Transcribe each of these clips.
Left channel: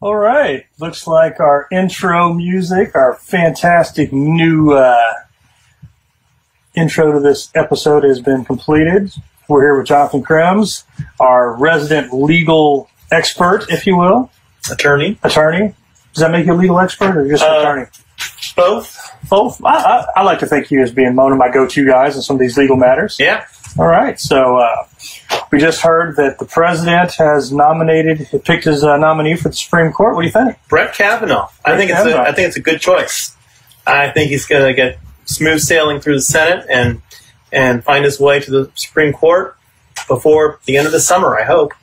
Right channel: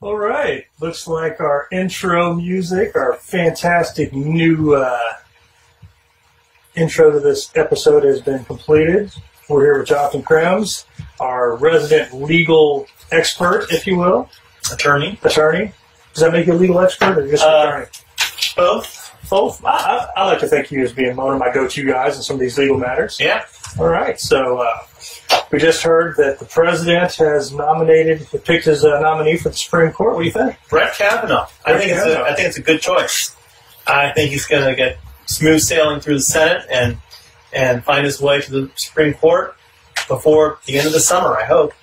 All right. Looks like our intro music, our fantastic new intro to this episode has been completed. We're here with Jonathan Krems, our resident legal expert, if you will. Attorney. Attorney. Does that make you a legal expert or just attorney? Both. Both. I like to think you as being one of my go-to guys in some of these legal matters. Yeah. All right. So we just heard that the president has picked his nominee for the Supreme Court. What do you think? Brett Kavanaugh. I think it's a good choice. I think he's going to get smooth sailing through the Senate and find his way to the Supreme Court before the end of the summer, I hope.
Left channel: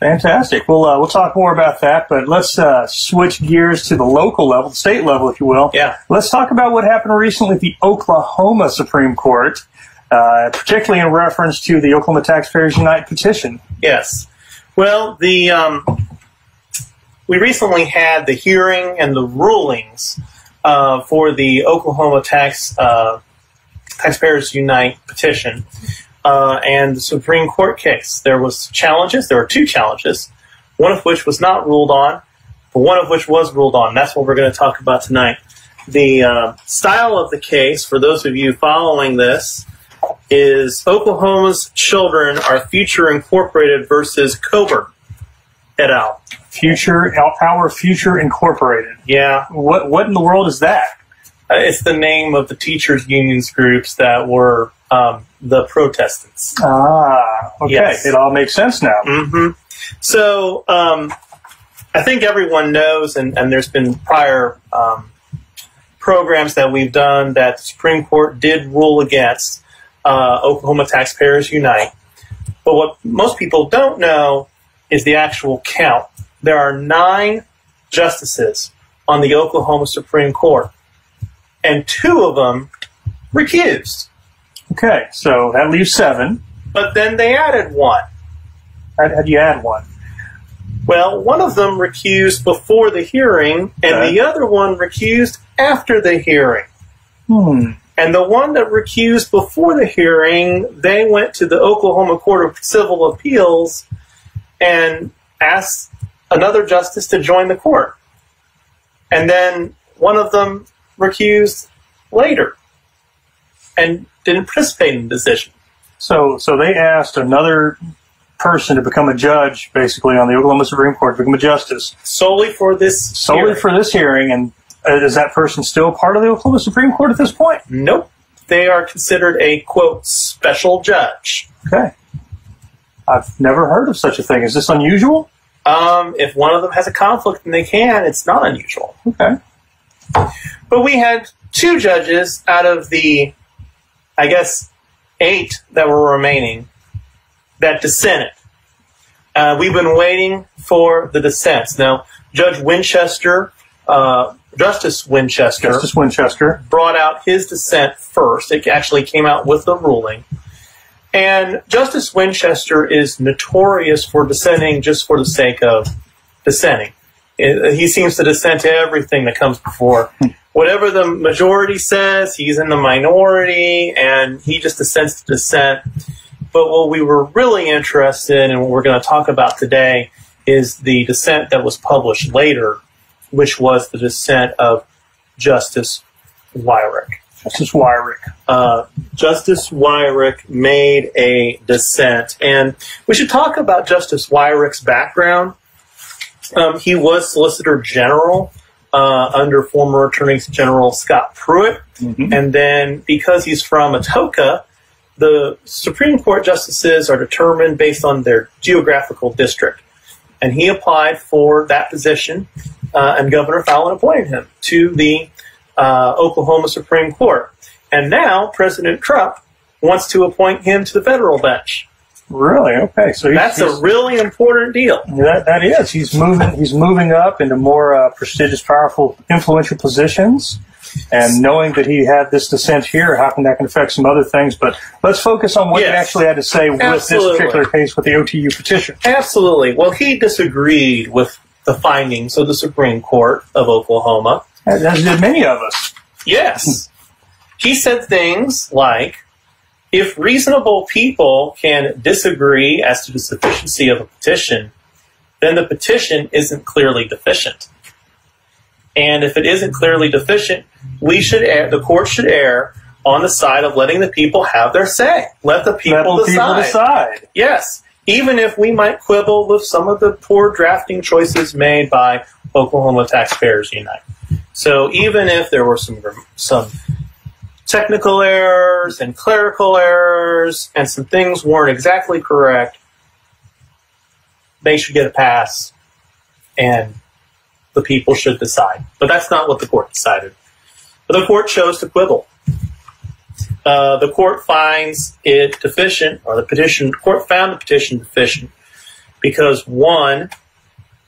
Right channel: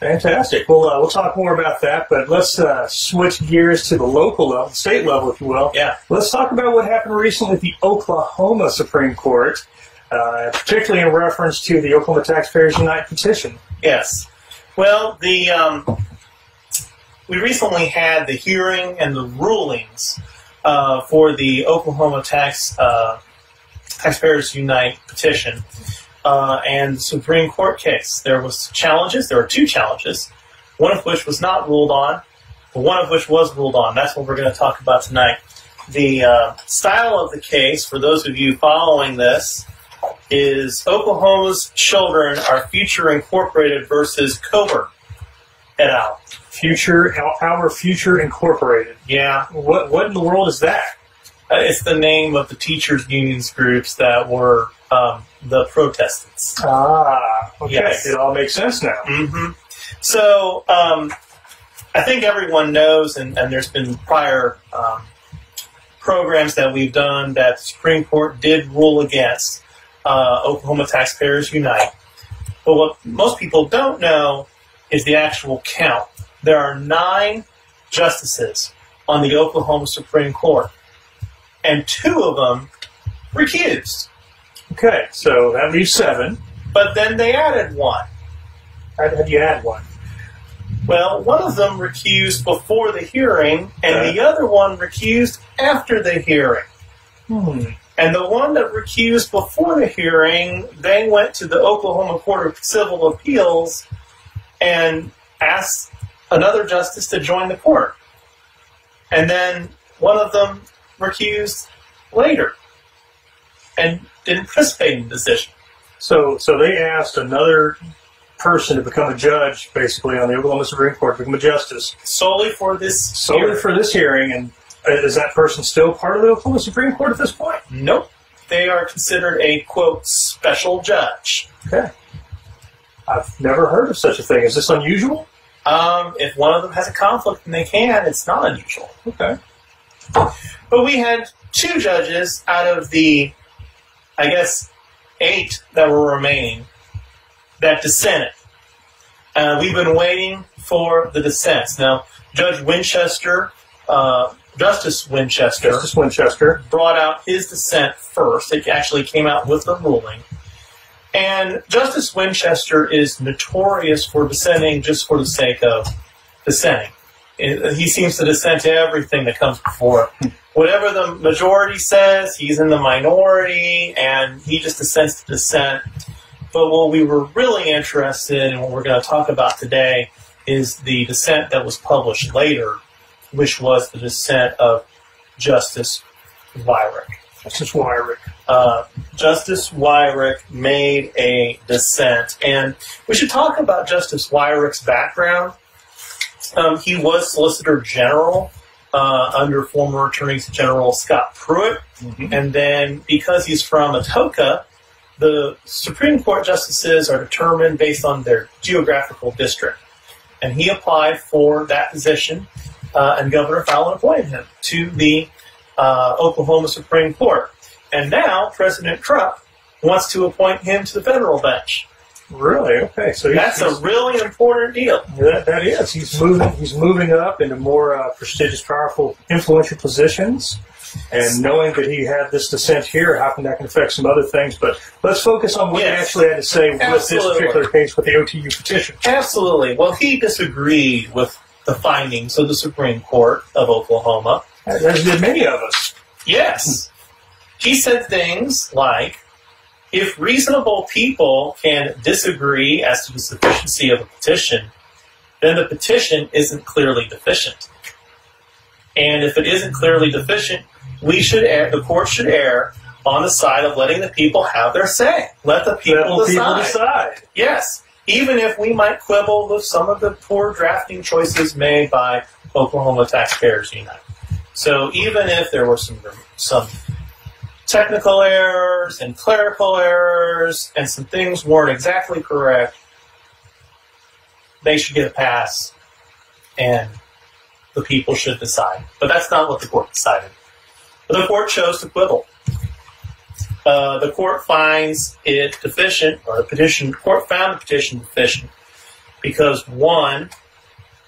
Fantastic. We'll talk more about that, but let's switch gears to the local level, the state level, if you will. Yeah. Let's talk about what happened recently at the Oklahoma Supreme Court, particularly in reference to the Oklahoma Taxpayers Unite petition. Yes. Well, we recently had the hearing and the rulings for the Oklahoma Taxpayers Unite petition. And the Supreme Court case. There were two challenges, one of which was not ruled on, but one of which was ruled on. That's what we're going to talk about tonight. The style of the case, for those of you following this, is Oklahoma's Children Are Future Incorporated versus Coburn et al. Our Future Incorporated. Yeah. What in the world is that? It's the name of the teachers' unions groups that were the protestants. Ah, okay. Yes. It all makes sense now. Mm-hmm. So I think everyone knows, and there's been prior programs that we've done that the Supreme Court did rule against Oklahoma Taxpayers Unite. But what most people don't know is the actual count. There are 9 justices on the Oklahoma Supreme Court, and 2 of them recused. Okay, so that leaves 7. But then they added 1. How'd you add 1? Well, one of them recused before the hearing, and the other one recused after the hearing. And the one that recused before the hearing, they went to the Oklahoma Court of Civil Appeals and asked another justice to join the court. And then one of them recused later and didn't participate in the decision. So they asked another person to become a judge, basically, on the Oklahoma Supreme Court, to become a justice. Solely for this hearing, and is that person still part of the Oklahoma Supreme Court at this point? Nope. They are considered a, quote, special judge. Okay. I've never heard of such a thing. Is this unusual? If one of them has a conflict and they can, it's not unusual. Okay. But we had 2 judges out of the, I guess, 8 that were remaining that dissented. We've been waiting for the dissents. Now, Justice Winchester brought out his dissent first. It actually came out with the ruling. And Justice Winchester is notorious for dissenting just for the sake of dissenting. He seems to dissent to everything that comes before. Whatever the majority says, he's in the minority, and he just dissents to dissent. But what we were really interested in, and what we're going to talk about today, is the dissent that was published later, which was the dissent of Justice Wyrick. Justice Wyrick. Justice Wyrick made a dissent. And we should talk about Justice Wyrick's background. He was Solicitor General under former Attorney General Scott Pruitt. Mm-hmm. And then because he's from Atoka, the Supreme Court justices are determined based on their geographical district. And he applied for that position, and Governor Fallin appointed him to the Oklahoma Supreme Court. And now President Trump wants to appoint him to the federal bench. Really? Okay. So that's a really important deal. That is. He's moving up into more prestigious, powerful, influential positions. And knowing that he had this dissent here, how can that can affect some other things? But let's focus on what he actually had to say with this particular case with the OTU petition. Absolutely. Well, he disagreed with the findings of the Supreme Court of Oklahoma. As did many of us. Yes. He said things like, if reasonable people can disagree as to the sufficiency of a petition, then the petition isn't clearly deficient. And if it isn't clearly deficient, the court should err on the side of letting the people have their say. Let the people decide. Yes. Even if we might quibble with some of the poor drafting choices made by Oklahoma Taxpayers Unite. So even if there were some technical errors and clerical errors and some things weren't exactly correct, they should get a pass and the people should decide. But that's not what the court decided. But the court chose to quibble. The court finds it deficient, or the court found the petition deficient because, one,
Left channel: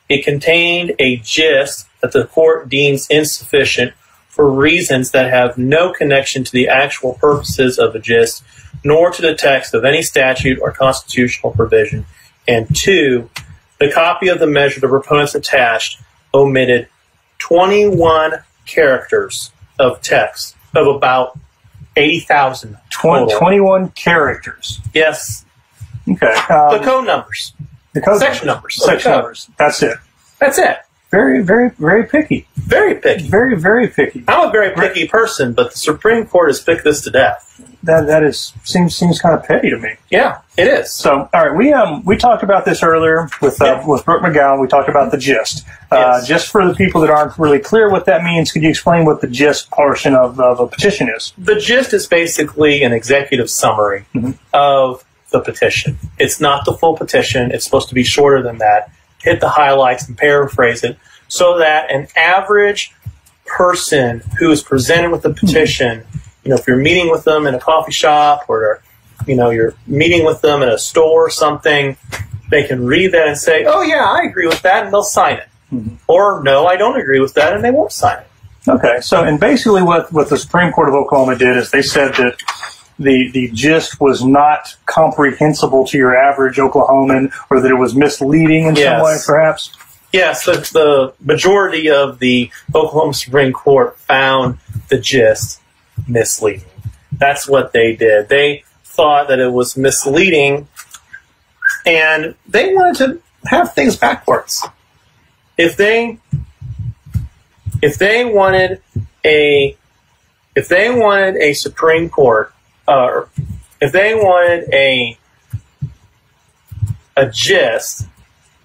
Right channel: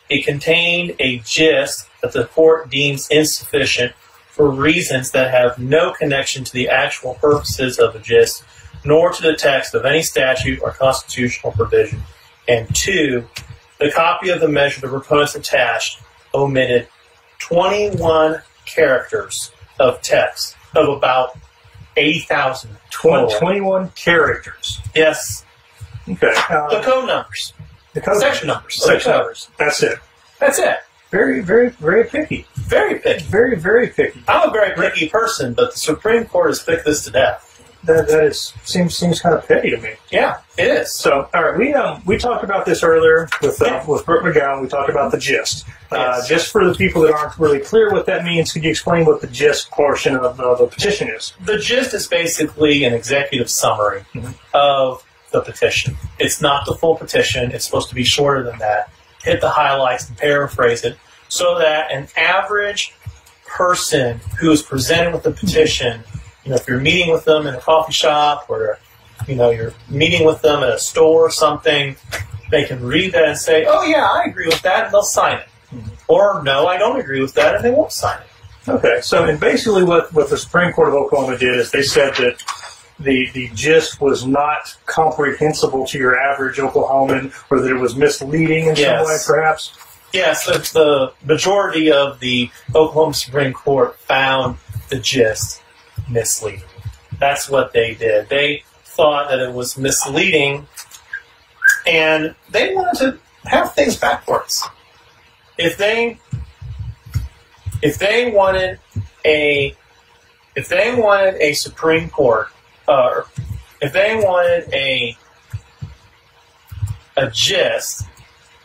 it contained a gist that the court deems insufficient for reasons that have no connection to the actual purposes of the gist, nor to the text of any statute or constitutional provision. And two, the copy of the measure the proponents attached omitted 21 characters of text of about 80,000 total. 21 characters. Yes. Okay. The code numbers. Section numbers. Section numbers. That's it. That's it. Very, very, very picky. Very picky. Very, very picky. I'm a very picky person, but the Supreme Court has picked this to death. That seems kind of petty to me. Yeah, it is. So, all right, we talked about this earlier with Brooke McGowan. We talked about the gist. Yes. Just for the people that aren't really clear what that means, could you explain what the gist portion of a petition is? The gist is basically an executive summary of the petition. It's not the full petition. It's supposed to be shorter than that. Hit the highlights and paraphrase it so that an average person who is presented with the petition, if you're meeting with them in a coffee shop or, you're meeting with them at a store or something, they can read that and say, oh, yeah, I agree with that, and they'll sign it. Or, no, I don't agree with that, and they won't sign it. Okay, so, and basically what the Supreme Court of Oklahoma did is they said that the gist was not comprehensible to your average Oklahoman, or that it was misleading in some way, perhaps? Yes, the majority of the Oklahoma Supreme Court found the gist misleading. That's what they did. They thought that it was misleading, and they wanted to have things backwards. If they wanted a Supreme Court, if they wanted a gist,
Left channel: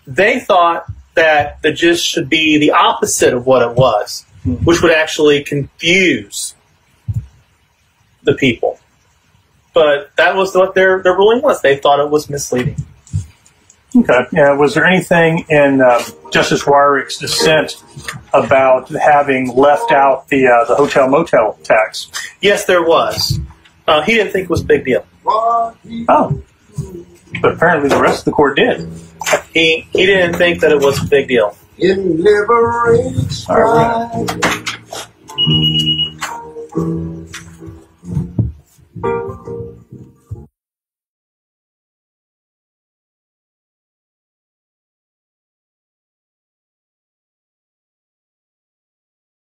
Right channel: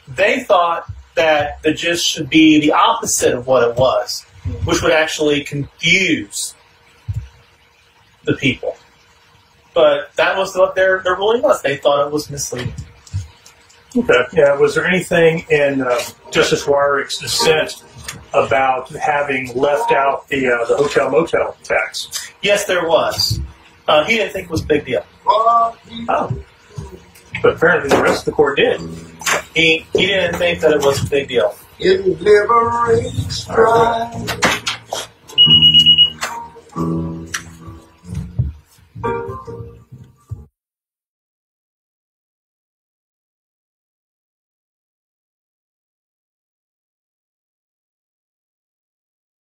they thought that the gist should be the opposite of what it was, which would actually confuse the people. But that was what their ruling was. They thought it was misleading. Okay. Yeah. Was there anything in Justice Wyrick's dissent about having left out the hotel-motel tax? Yes, there was. He didn't think it was a big deal. Oh. But apparently the rest of the court did. He didn't think that it was a big deal. It liberates pride.